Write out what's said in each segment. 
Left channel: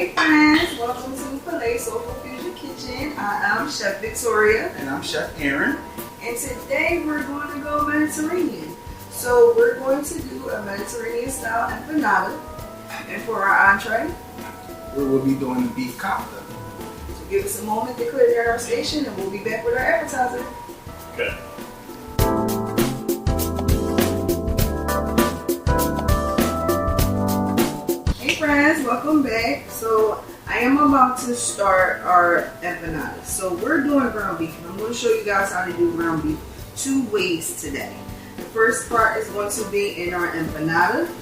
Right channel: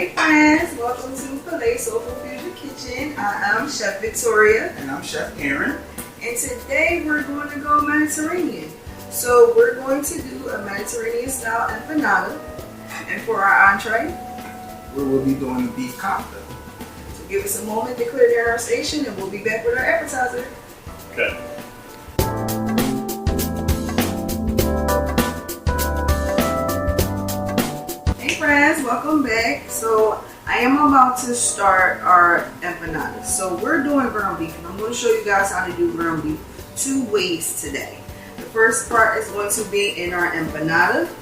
Hey friends, welcome to Palais Soulful Fusion Kitchen. I am Chef Victoria. And I'm Chef Aaron. And today we're going to go Mediterranean. So we're going to do a Mediterranean style empanada. And for our entree, we will be doing the beef kofta. So give us a moment to clear down our station and we'll be back with our appetizer. Okay. Hey friends, welcome back. So I am about to start our empanadas. So we're doing ground beef and I'm going to show you guys how to do ground beef two ways today. The first part is going to be in our empanada.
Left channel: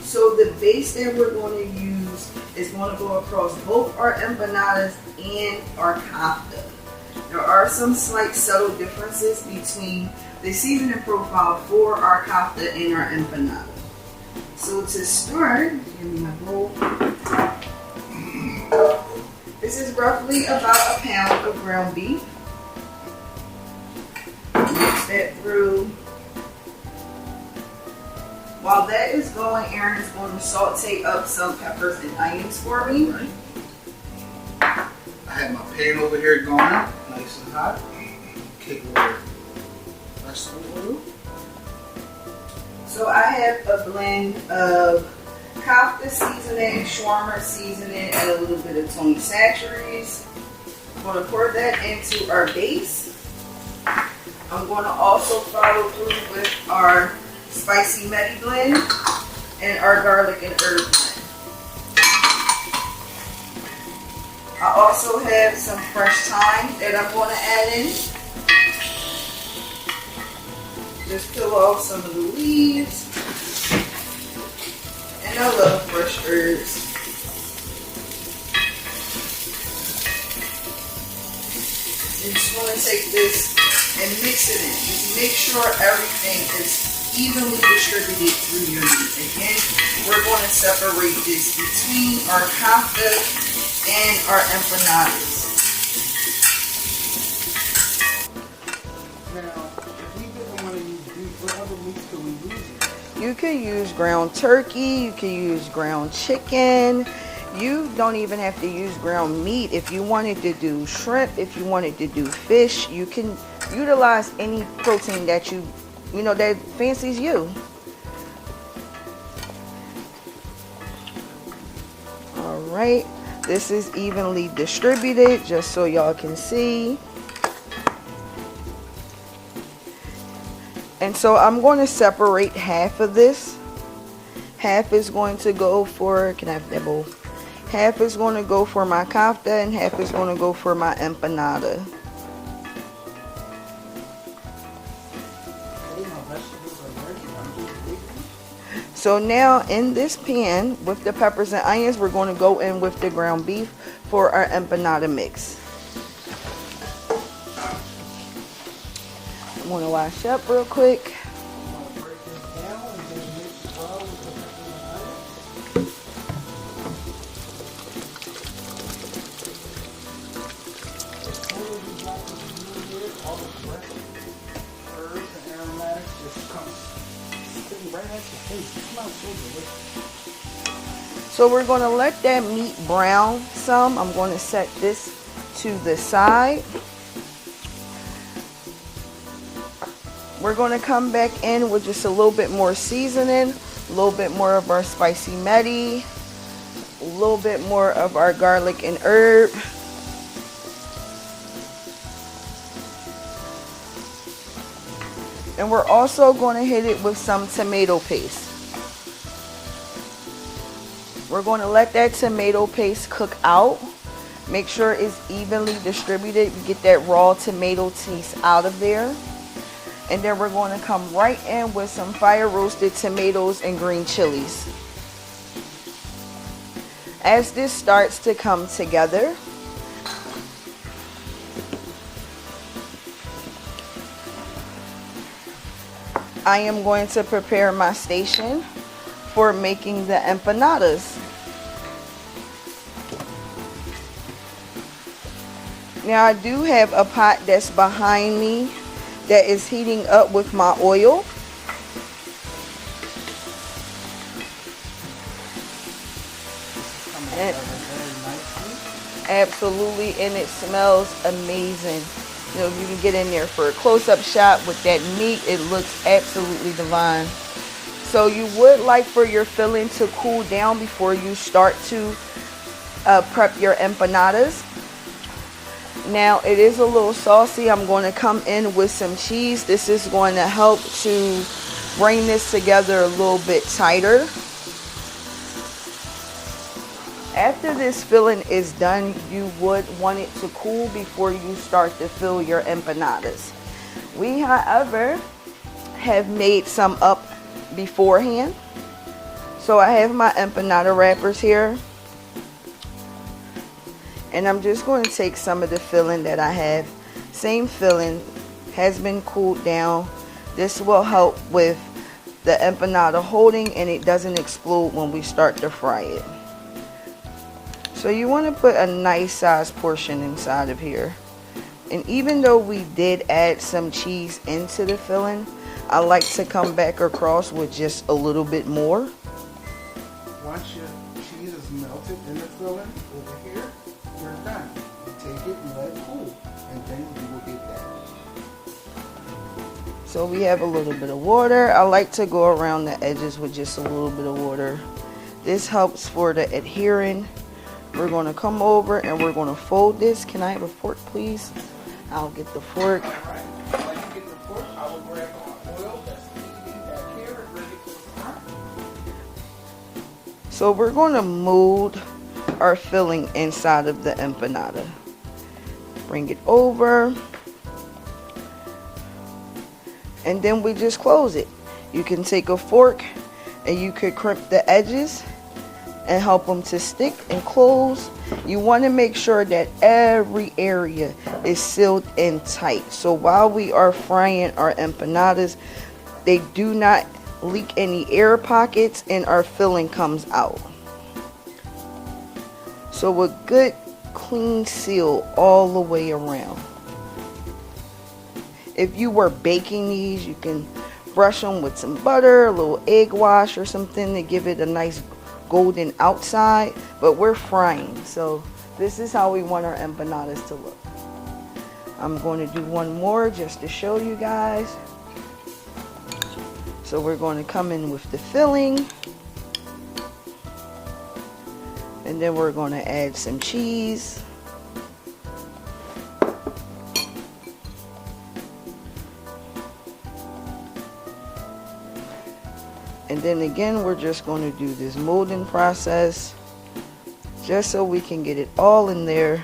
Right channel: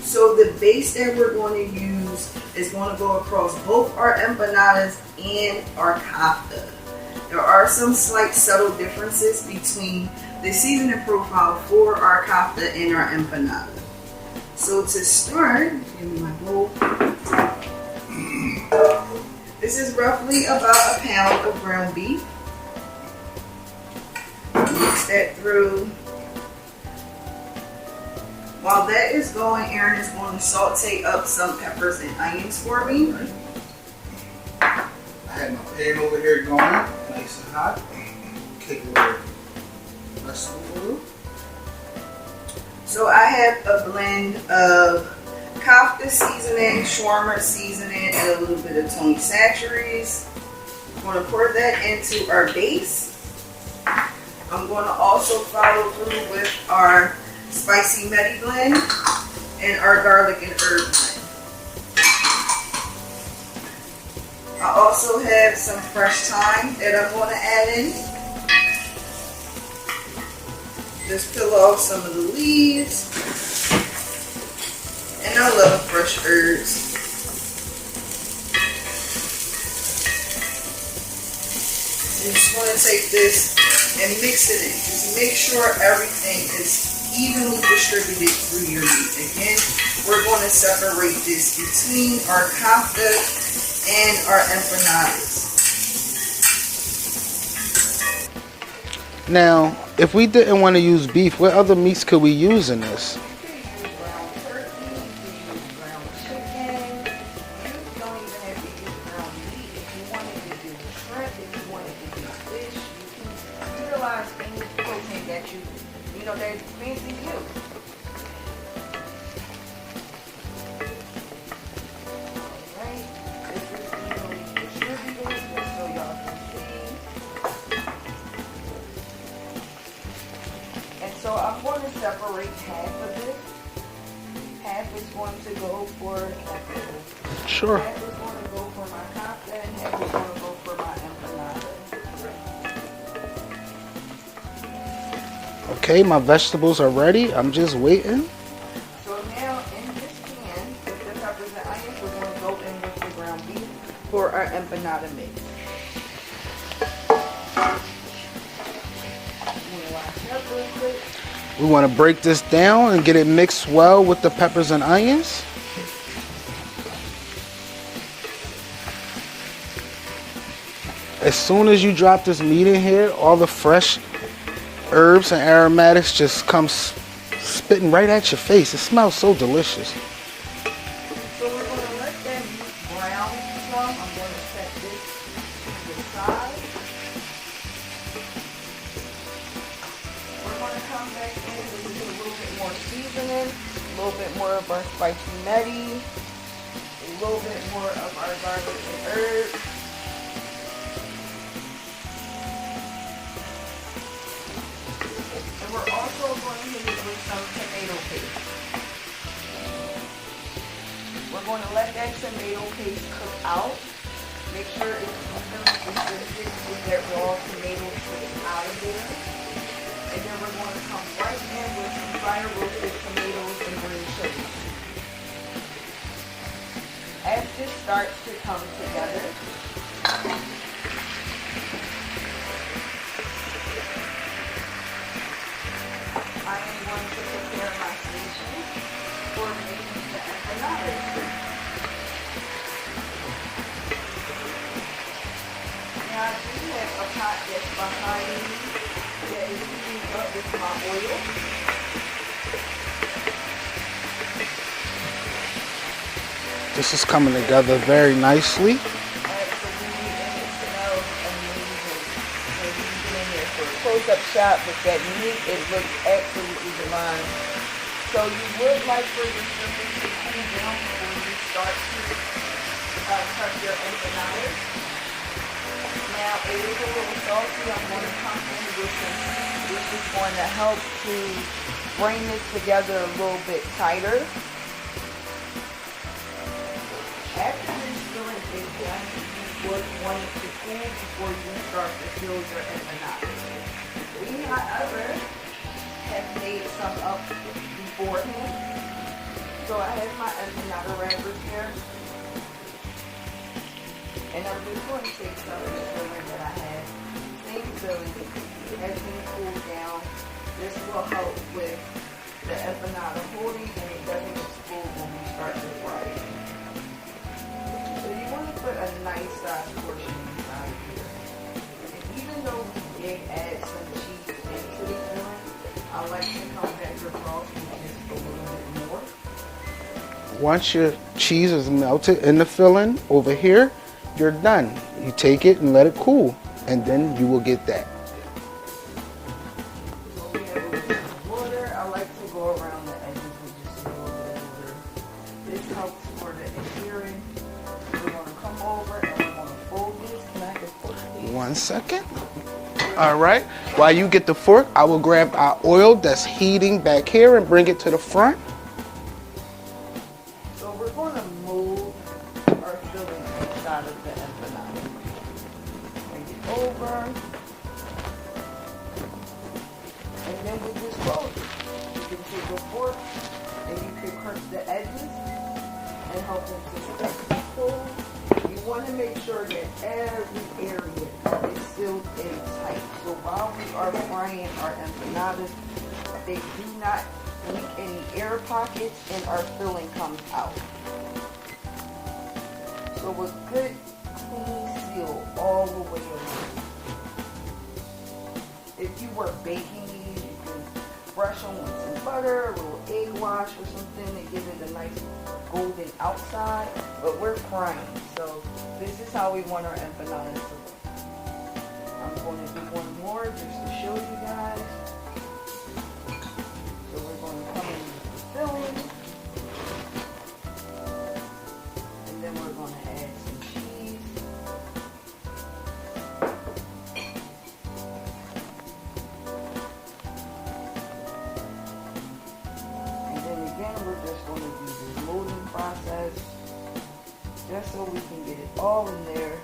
So the base that we're going to use is going to go across both our empanadas and our kofta. There are some slight subtle differences between the seasoning profile for our kofta and our empanada. So to start, give me my bowl. This is roughly about a pound of ground beef. Mix that through. While that is going, Aaron is going to saute up some peppers and onions for me. Right. I have my pan over here going, nice and hot. Kick a little vegetable oil. So I have a blend of kofta seasoning, shawarma seasoning, and a little bit of Tony Chachere's. I'm going to pour that into our base. I'm going to also follow through with our spicy medi blend and our garlic and herb blend. I also have some fresh thyme that I'm going to add in. Just peel off some of the leaves. And I love fresh herbs. You just want to take this and mix it in. Just make sure everything is evenly distributed through your meat. Again, we're going to separate this between our kofta and our empanadas. Now, if we didn't want to use beef, what other meats could we use in this? You could use ground turkey, you could use ground chicken. You don't even have to use ground meat. If you wanted to do shrimp, if you wanted to do fish, you can utilize any protein that you know that fancies you. All right, this is evenly distributed, just so y'all can see. And so I'm going to separate half of this. Half is going to go for, can I have that bowl? Sure. Half is going to go for my kofta and half is going to go for my empanada. Okay, my vegetables are ready. I'm just waiting. So now in this pan with the peppers and onions, we're going to go in with the ground beef for our empanada mix. I'm going to wash up real quick. We want to break this down and get it mixed well with the peppers and onions. As soon as you drop this meat in here, all the fresh herbs and aromatics just come spitting right at your face. It smells so delicious. So we're going to let that meat brown some. I'm going to set this to the side. We're going to come back in with just a little bit more seasoning, a little bit more of our spicy medi, a little bit more of our garlic and herb. And we're also going to hit it with some tomato paste. We're going to let that tomato paste cook out. Make sure it's evenly distributed. Get that raw tomato taste out of there. And then we're going to come right in with some fire roasted tomatoes and green chilies. As this starts to come together, I am going to prepare my station for making the empanadas. Now I do have a pot that's behind me that is heating up with my oil. Just This is coming together very nicely. Absolutely, and it smells amazing. You know, you can get in there for a close-up shot with that meat. It looks absolutely divine. So you would like for your filling to cool down before you start to prep your empanadas. Now it is a little saucy. I'm going to come in with some cheese. This is going to help to bring this together a little bit tighter. After this filling is done, you would want it to cool before you start to fill your empanadas. We, however, have made some up beforehand. So I have my empanada wrappers here. And I'm just going to take some of the filling that I have. Same filling, has been cooled down. This will help with the empanada holding and it doesn't explode when we start to fry it. So you want to put a nice size portion inside of here. And even though we did add some cheese into the filling, I like to come back across with just a little bit more. Once your cheese is melted in the filling over here, you're done. You take it and let it cool, and then you will get that. So we have a little bit of water. I like to go around the edges with just a little bit of water. This helps for the adhering. We're going to come over and we're going to fold this. Can I have a fork, please? 1 second. I'll get the fork. All right. While you get the fork, I will grab our oil that's heating back here and bring it to the front. So we're going to mold our filling inside of the empanada. Bring it over. And then we just close it. You can take a fork and you could crimp the edges and help them to stick and close. You want to make sure that every area is sealed in tight. So while we are frying our empanadas, they do not leak any air pockets and our filling comes out. So a good clean seal all the way around. If you were baking these, you can brush them with some butter, a little egg wash or something to give it a nice golden outside, but we're frying, so this is how we want our empanadas to look. I'm going to do one more just to show you guys. So we're going to come in with the filling, and then we're going to add some cheese. And then again, we're just going to do this molding process just so we can get it all in there.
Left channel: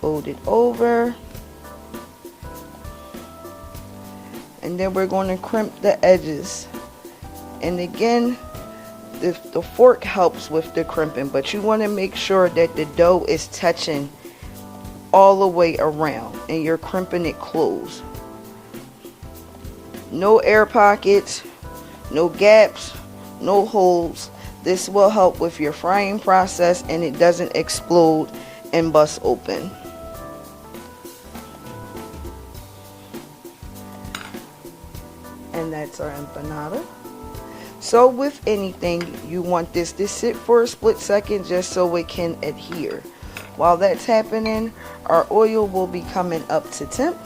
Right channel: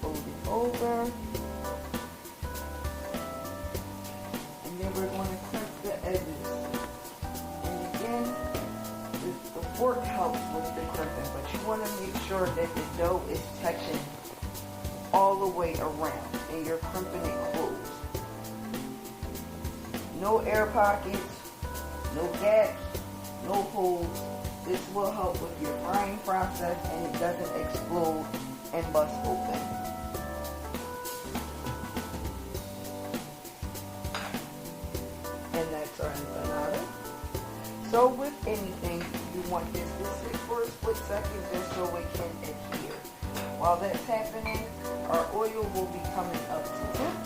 Fold it over. And then we're going to crimp the edges. And again, the fork helps with the crimping, but you want to make sure that the dough is touching all the way around and you're crimping it closed. No air pockets, no gaps, no holes. This will help with your frying process and it doesn't explode and bust open. And that's our empanada. So with anything, you want this to sit for a split second just so it can adhere. While that's happening, our oil will be coming up to temp.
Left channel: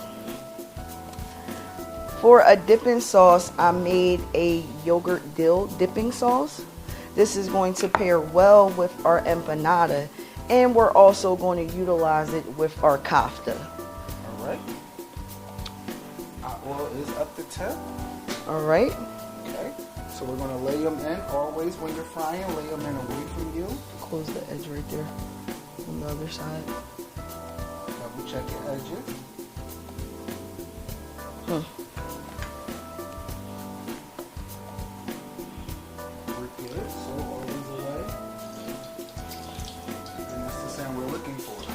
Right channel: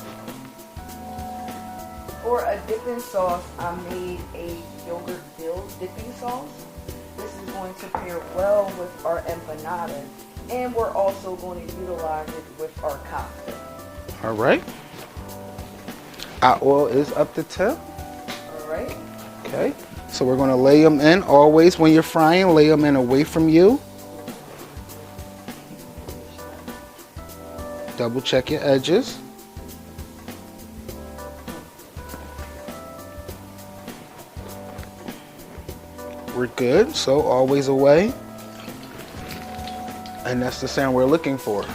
For a dipping sauce, I made a yogurt dill dipping sauce. This is going to pair well with our empanada, and we're also going to utilize it with our kofta. All right. Our oil is up to temp. All right. Okay. So we're going to lay them in. Always when you're frying, lay them in away from you. Close the edge right there on the other side. Double check your edges. We're good, so always away. And that's the sound we're looking for.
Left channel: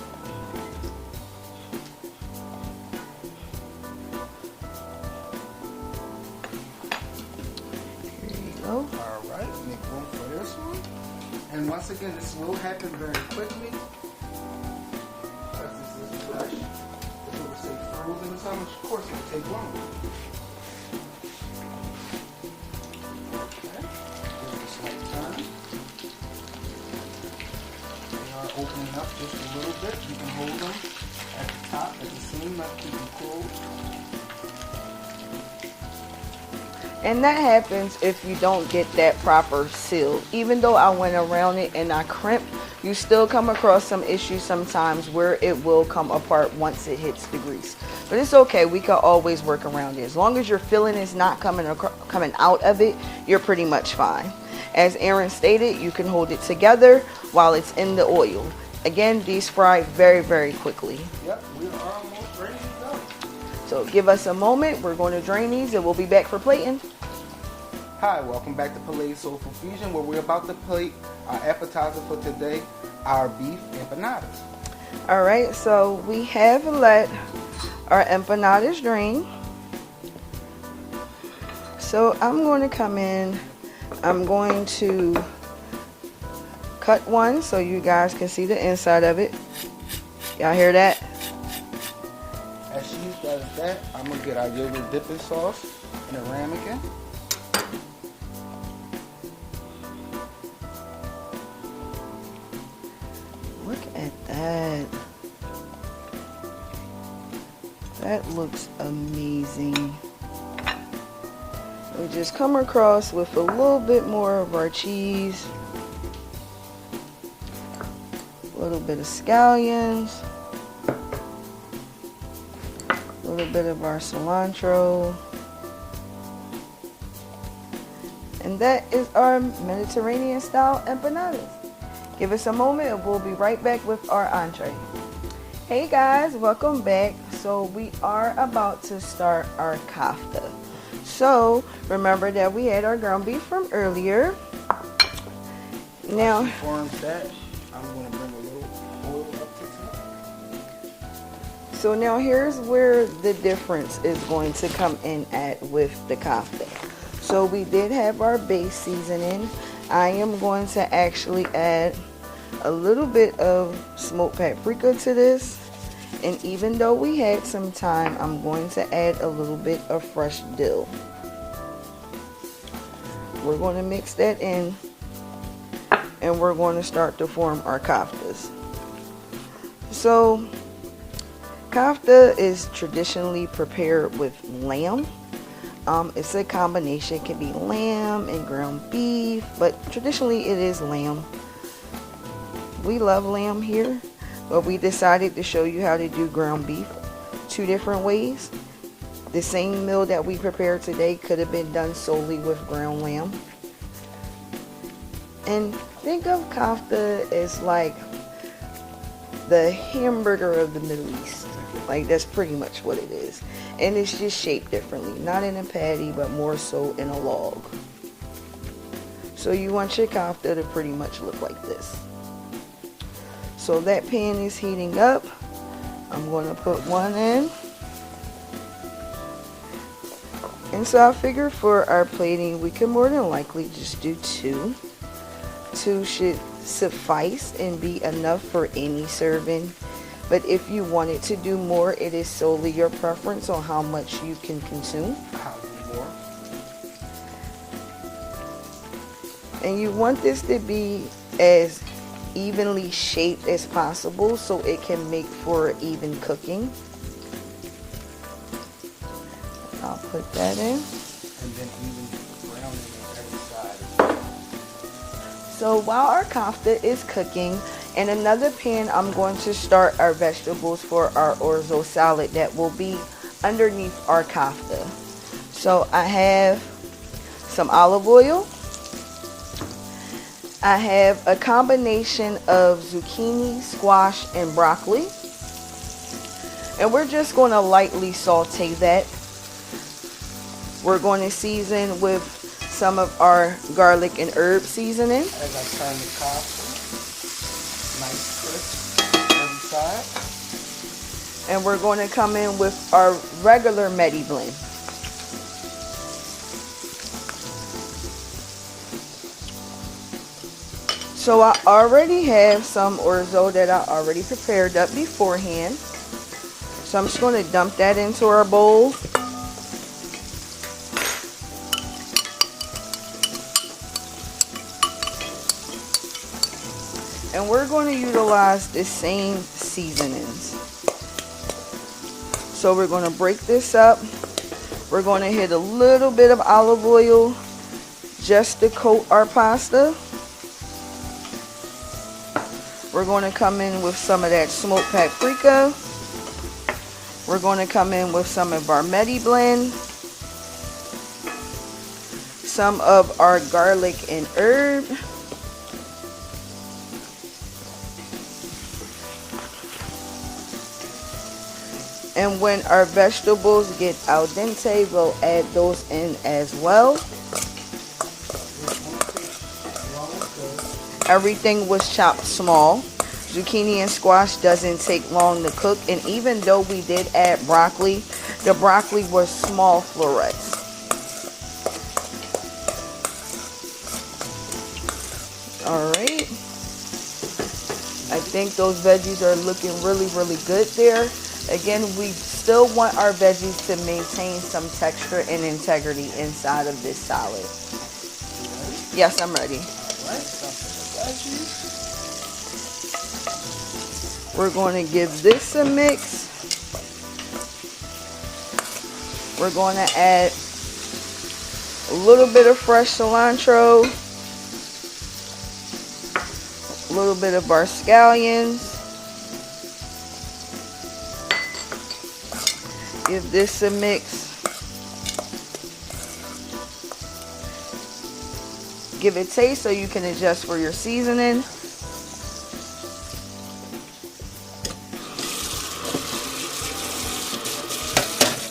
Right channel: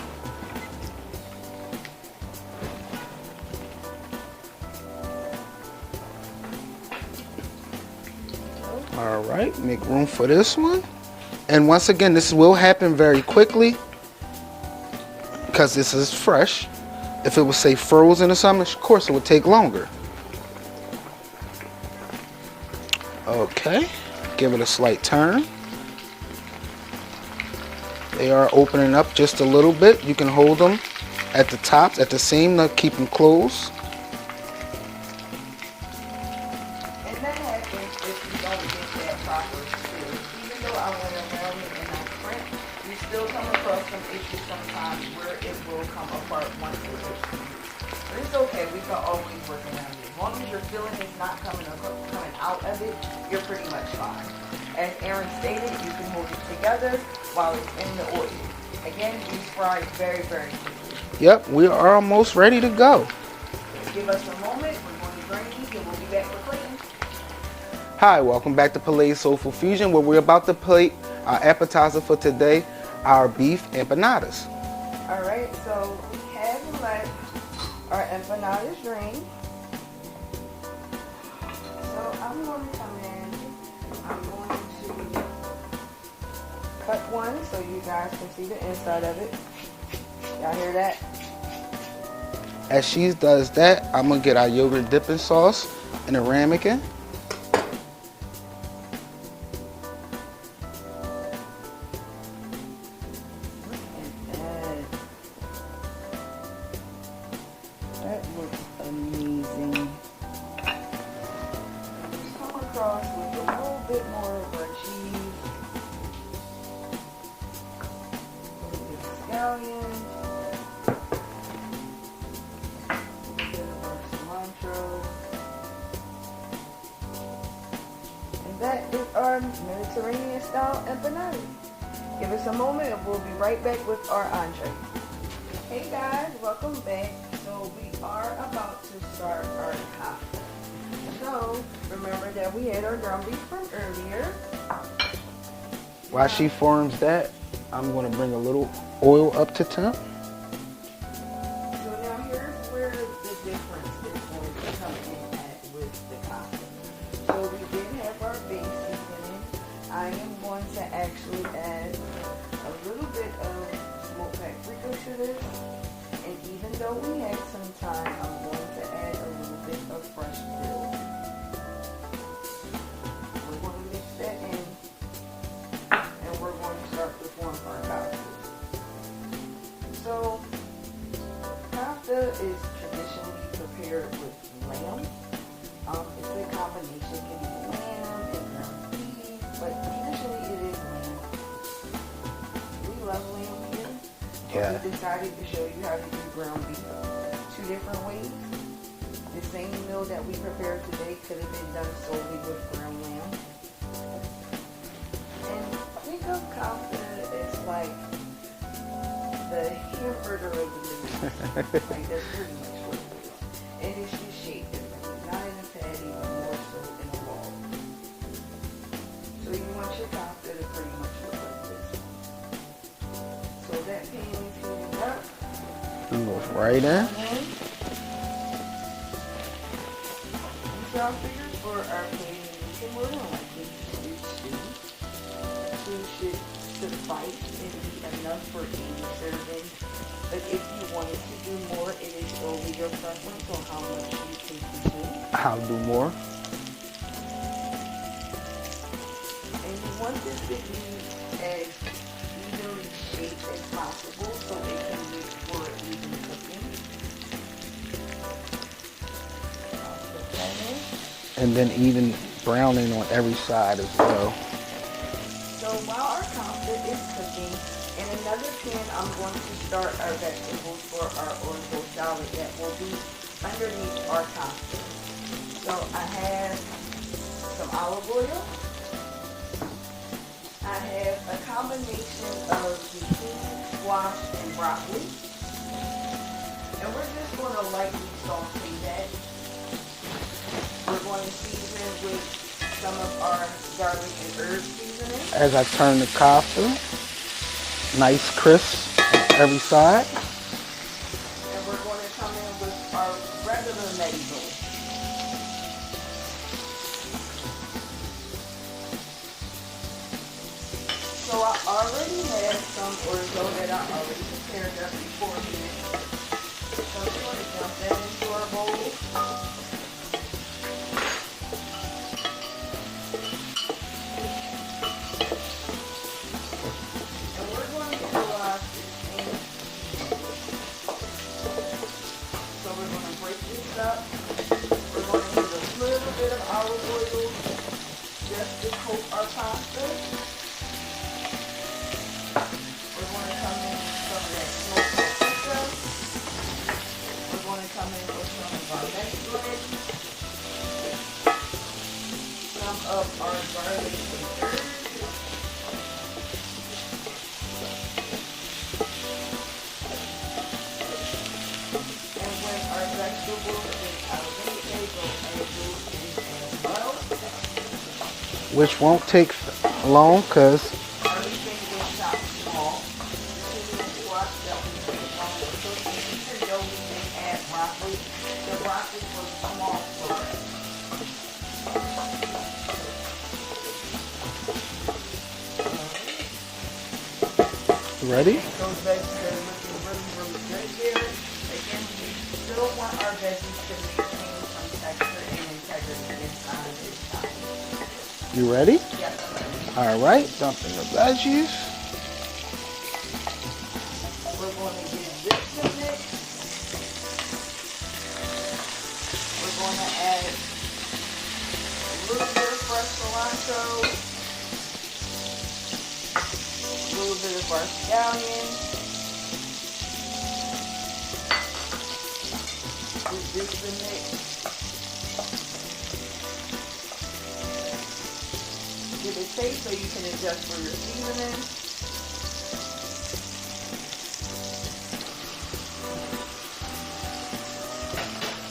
All right, make room for this one. And once again, this will happen very quickly because this is fresh. If it was, say, frozen or something, of course it would take longer. Okay. Give it a slight turn. They are opening up just a little bit. You can hold them at the tops, at the seam, to keep them closed. And that happens if you don't get that proper seal. Even though I went around it and I crimped, you still come across some issues sometimes where it will come apart once it hits the grease. But it's okay, we can always work around it. As long as your filling is not coming out of it, you're pretty much fine. As Aaron stated, you can hold it together while it's in the oil. Again, these fry very, very quickly. Yep, we are almost ready to go. So give us a moment. We're going to drain these and we'll be back for plating. Hi, welcome back to Palais Soulful Fusion, where we're about to plate our appetizer for today, our beef empanadas. All right, so we have let our empanadas drain. So I'm going to come in. I'm going to cut one so you guys can see the inside of it. Y'all hear that? As she does that, I'm going to get our yogurt dipping sauce in a ramekin. Look at that. That looks amazing. We just come across with a little bit more of our cheese. A little bit of scallions. A little bit of our cilantro. And that is our Mediterranean style empanadas. Give us a moment and we'll be right back with our entree. Hey guys, welcome back. So we are about to start our kafta. So remember that we had our ground beef from earlier. While she forms that, I'm going to bring a little oil up to temp. So now here's where the difference is going to come in at with the kafta. So we did have our base seasoning. I am going to actually add a little bit of smoked paprika to this. And even though we had some time, I'm going to add a little bit of fresh dill. We're going to mix that in. And we're going to start to form our kaftas. So kafta is traditionally prepared with lamb. It's a combination. It can be lamb and ground beef, but traditionally it is lamb. We love lamb here, but we decided to show you how to do ground beef 2 different ways. The same meal that we prepared today could have been done solely with ground lamb. And think of kafta as like the hamburger of the Middle East. Like, that's pretty much what it is. And it's just shaped differently. Not in a patty, but more so in a log. So you want your kafta to pretty much look like this. So that pan is heating up. I'm going to put one in. And so I figured for our plating, we can more than likely just do 2. 2 should suffice and be enough for any serving. But if you wanted to do more, it is solely your preference on how much you can consume. I'll do more. And you want this to be as evenly shaped as possible so it can make for even cooking. I'll put that in. And then even browning on every side as well. So while our kafta is cooking, in another pan, I'm going to start our vegetables for our orzo salad that will be underneath our kafta. So I have some olive oil. I have a combination of zucchini, squash, and broccoli. And we're just going to lightly saute that. We're going to season with some of our garlic and herb seasoning. As I turn the kafta, nice crisp every side. And we're going to come in with our regular medibone. So I already have some orzo that I already prepared up beforehand. So I'm just going to dump that into our bowl. And And we're going to utilize the same seasonings. So we're going to break this up. We're going to hit a little bit of olive oil just to coat our pasta. We're going to come in with some of that smoked paprika. We're going to come in with some of our Medi blend, some of our garlic and herb, and when our vegetables get al dente, we'll add those in as well. Which won't take long because everything was chopped small. Zucchini and squash doesn't take long to cook, and even though we did add broccoli, the broccoli was small florets. Alright. Ready? I think those veggies are looking really, really good there. Again, we still want our veggies to maintain some texture and integrity inside of this salad. You ready? Yes, I'm ready. Alright, dump in the veggies. We're going to give this a mix. We're going to add a little bit of fresh cilantro, a little bit of our scallions. Give this a mix. Give it a taste so you can adjust for your seasoning.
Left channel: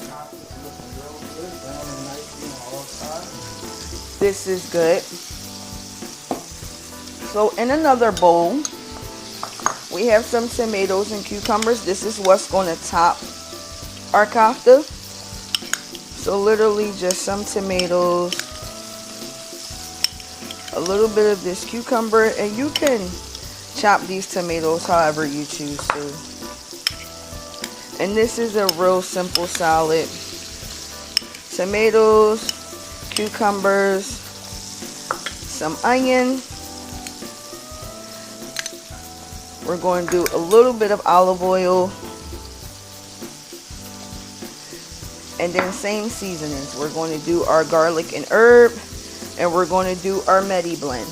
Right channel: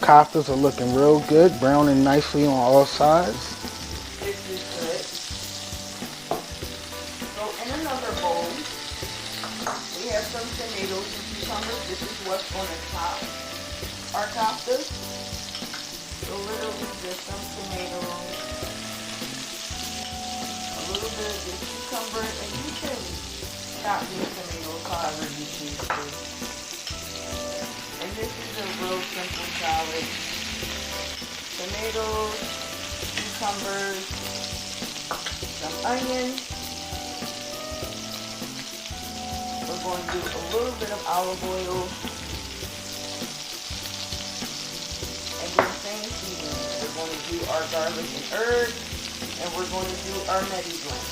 Koftas are looking real good, browning nicely on all sides. This is good. So in another bowl, we have some tomatoes and cucumbers. This is what's going to top our kofta. So literally just some tomatoes, a little bit of this cucumber, and you can chop these tomatoes however you choose to. And this is a real simple salad. Tomatoes, cucumbers, some onion. We're going to do a little bit of olive oil. And then same seasonings. We're going to do our garlic and herb. And we're going to do our Medi blend.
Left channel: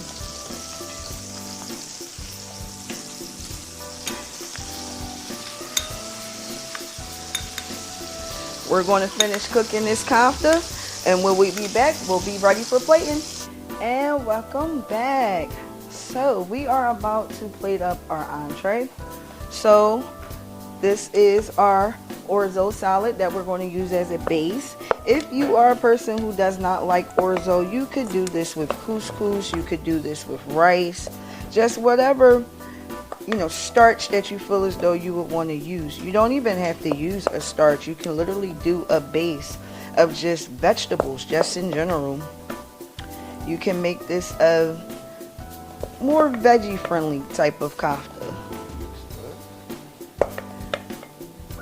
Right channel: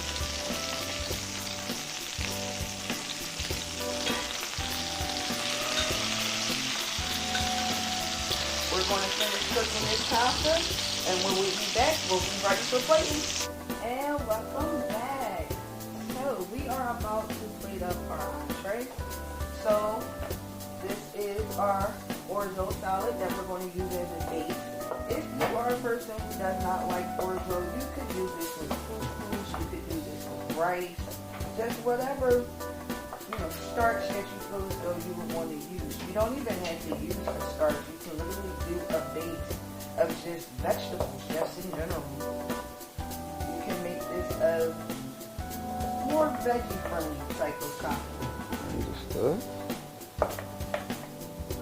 We're going to finish cooking this kofta, and when we be back, we'll be ready for plating. And welcome back. So we are about to plate up our entree. So this is our orzo salad that we're going to use as a base. If you are a person who does not like orzo, you could do this with couscous, you could do this with rice, just whatever starch that you feel as though you would want to use. You don't even have to use a starch. You can literally do a base of just vegetables, just in general. You can make this a more veggie friendly type of kofta.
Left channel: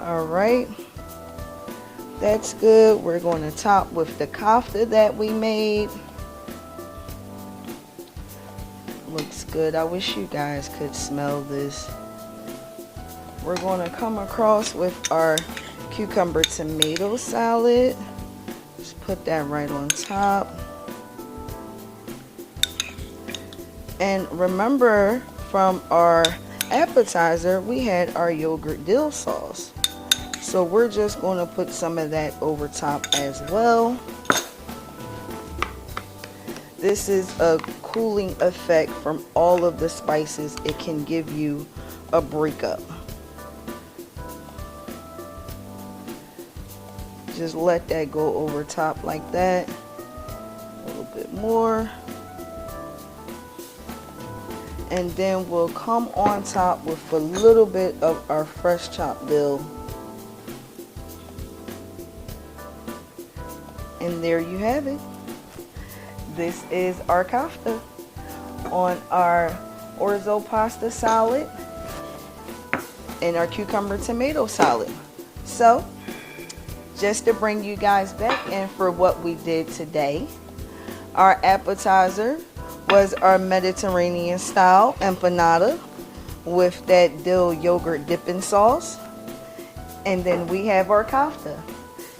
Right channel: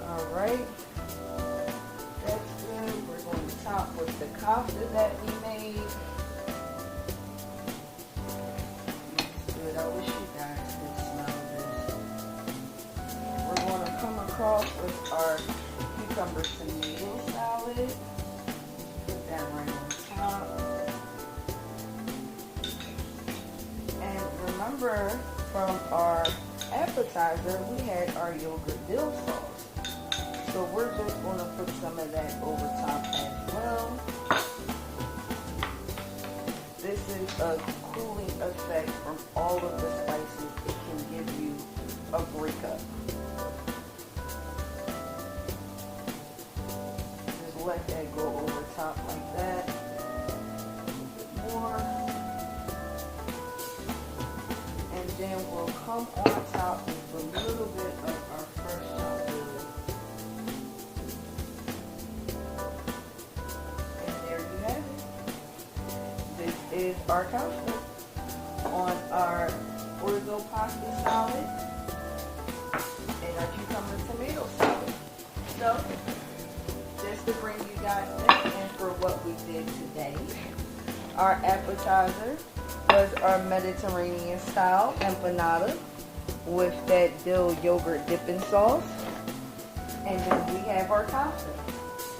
Alright, that's good. We're going to top with the kofta that we made. Looks good. I wish you guys could smell this. We're going to come across with our cucumber tomato salad. Just put that right on top. And remember, from our appetizer, we had our yogurt dill sauce. So we're just going to put some of that over top as well. This is a cooling effect from all of the spices. It can give you a breakup. Just let that go over top like that. A little bit more. And then we'll come on top with a little bit of our fresh chopped dill. And there you have it. This is our kofta on our orzo pasta salad and our cucumber tomato salad. So, just to bring you guys back in for what we did today, our appetizer was our Mediterranean style empanada. with that dill yogurt dipping sauce. And then we have our kofta.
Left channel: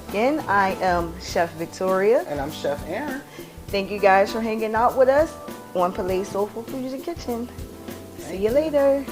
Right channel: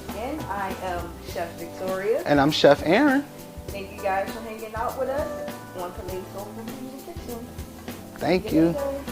Again, I am Chef Victoria. And I'm Chef Aaron. Thank you guys for hanging out with us on Palais Soulful Fusion Kitchen. Thank See you later.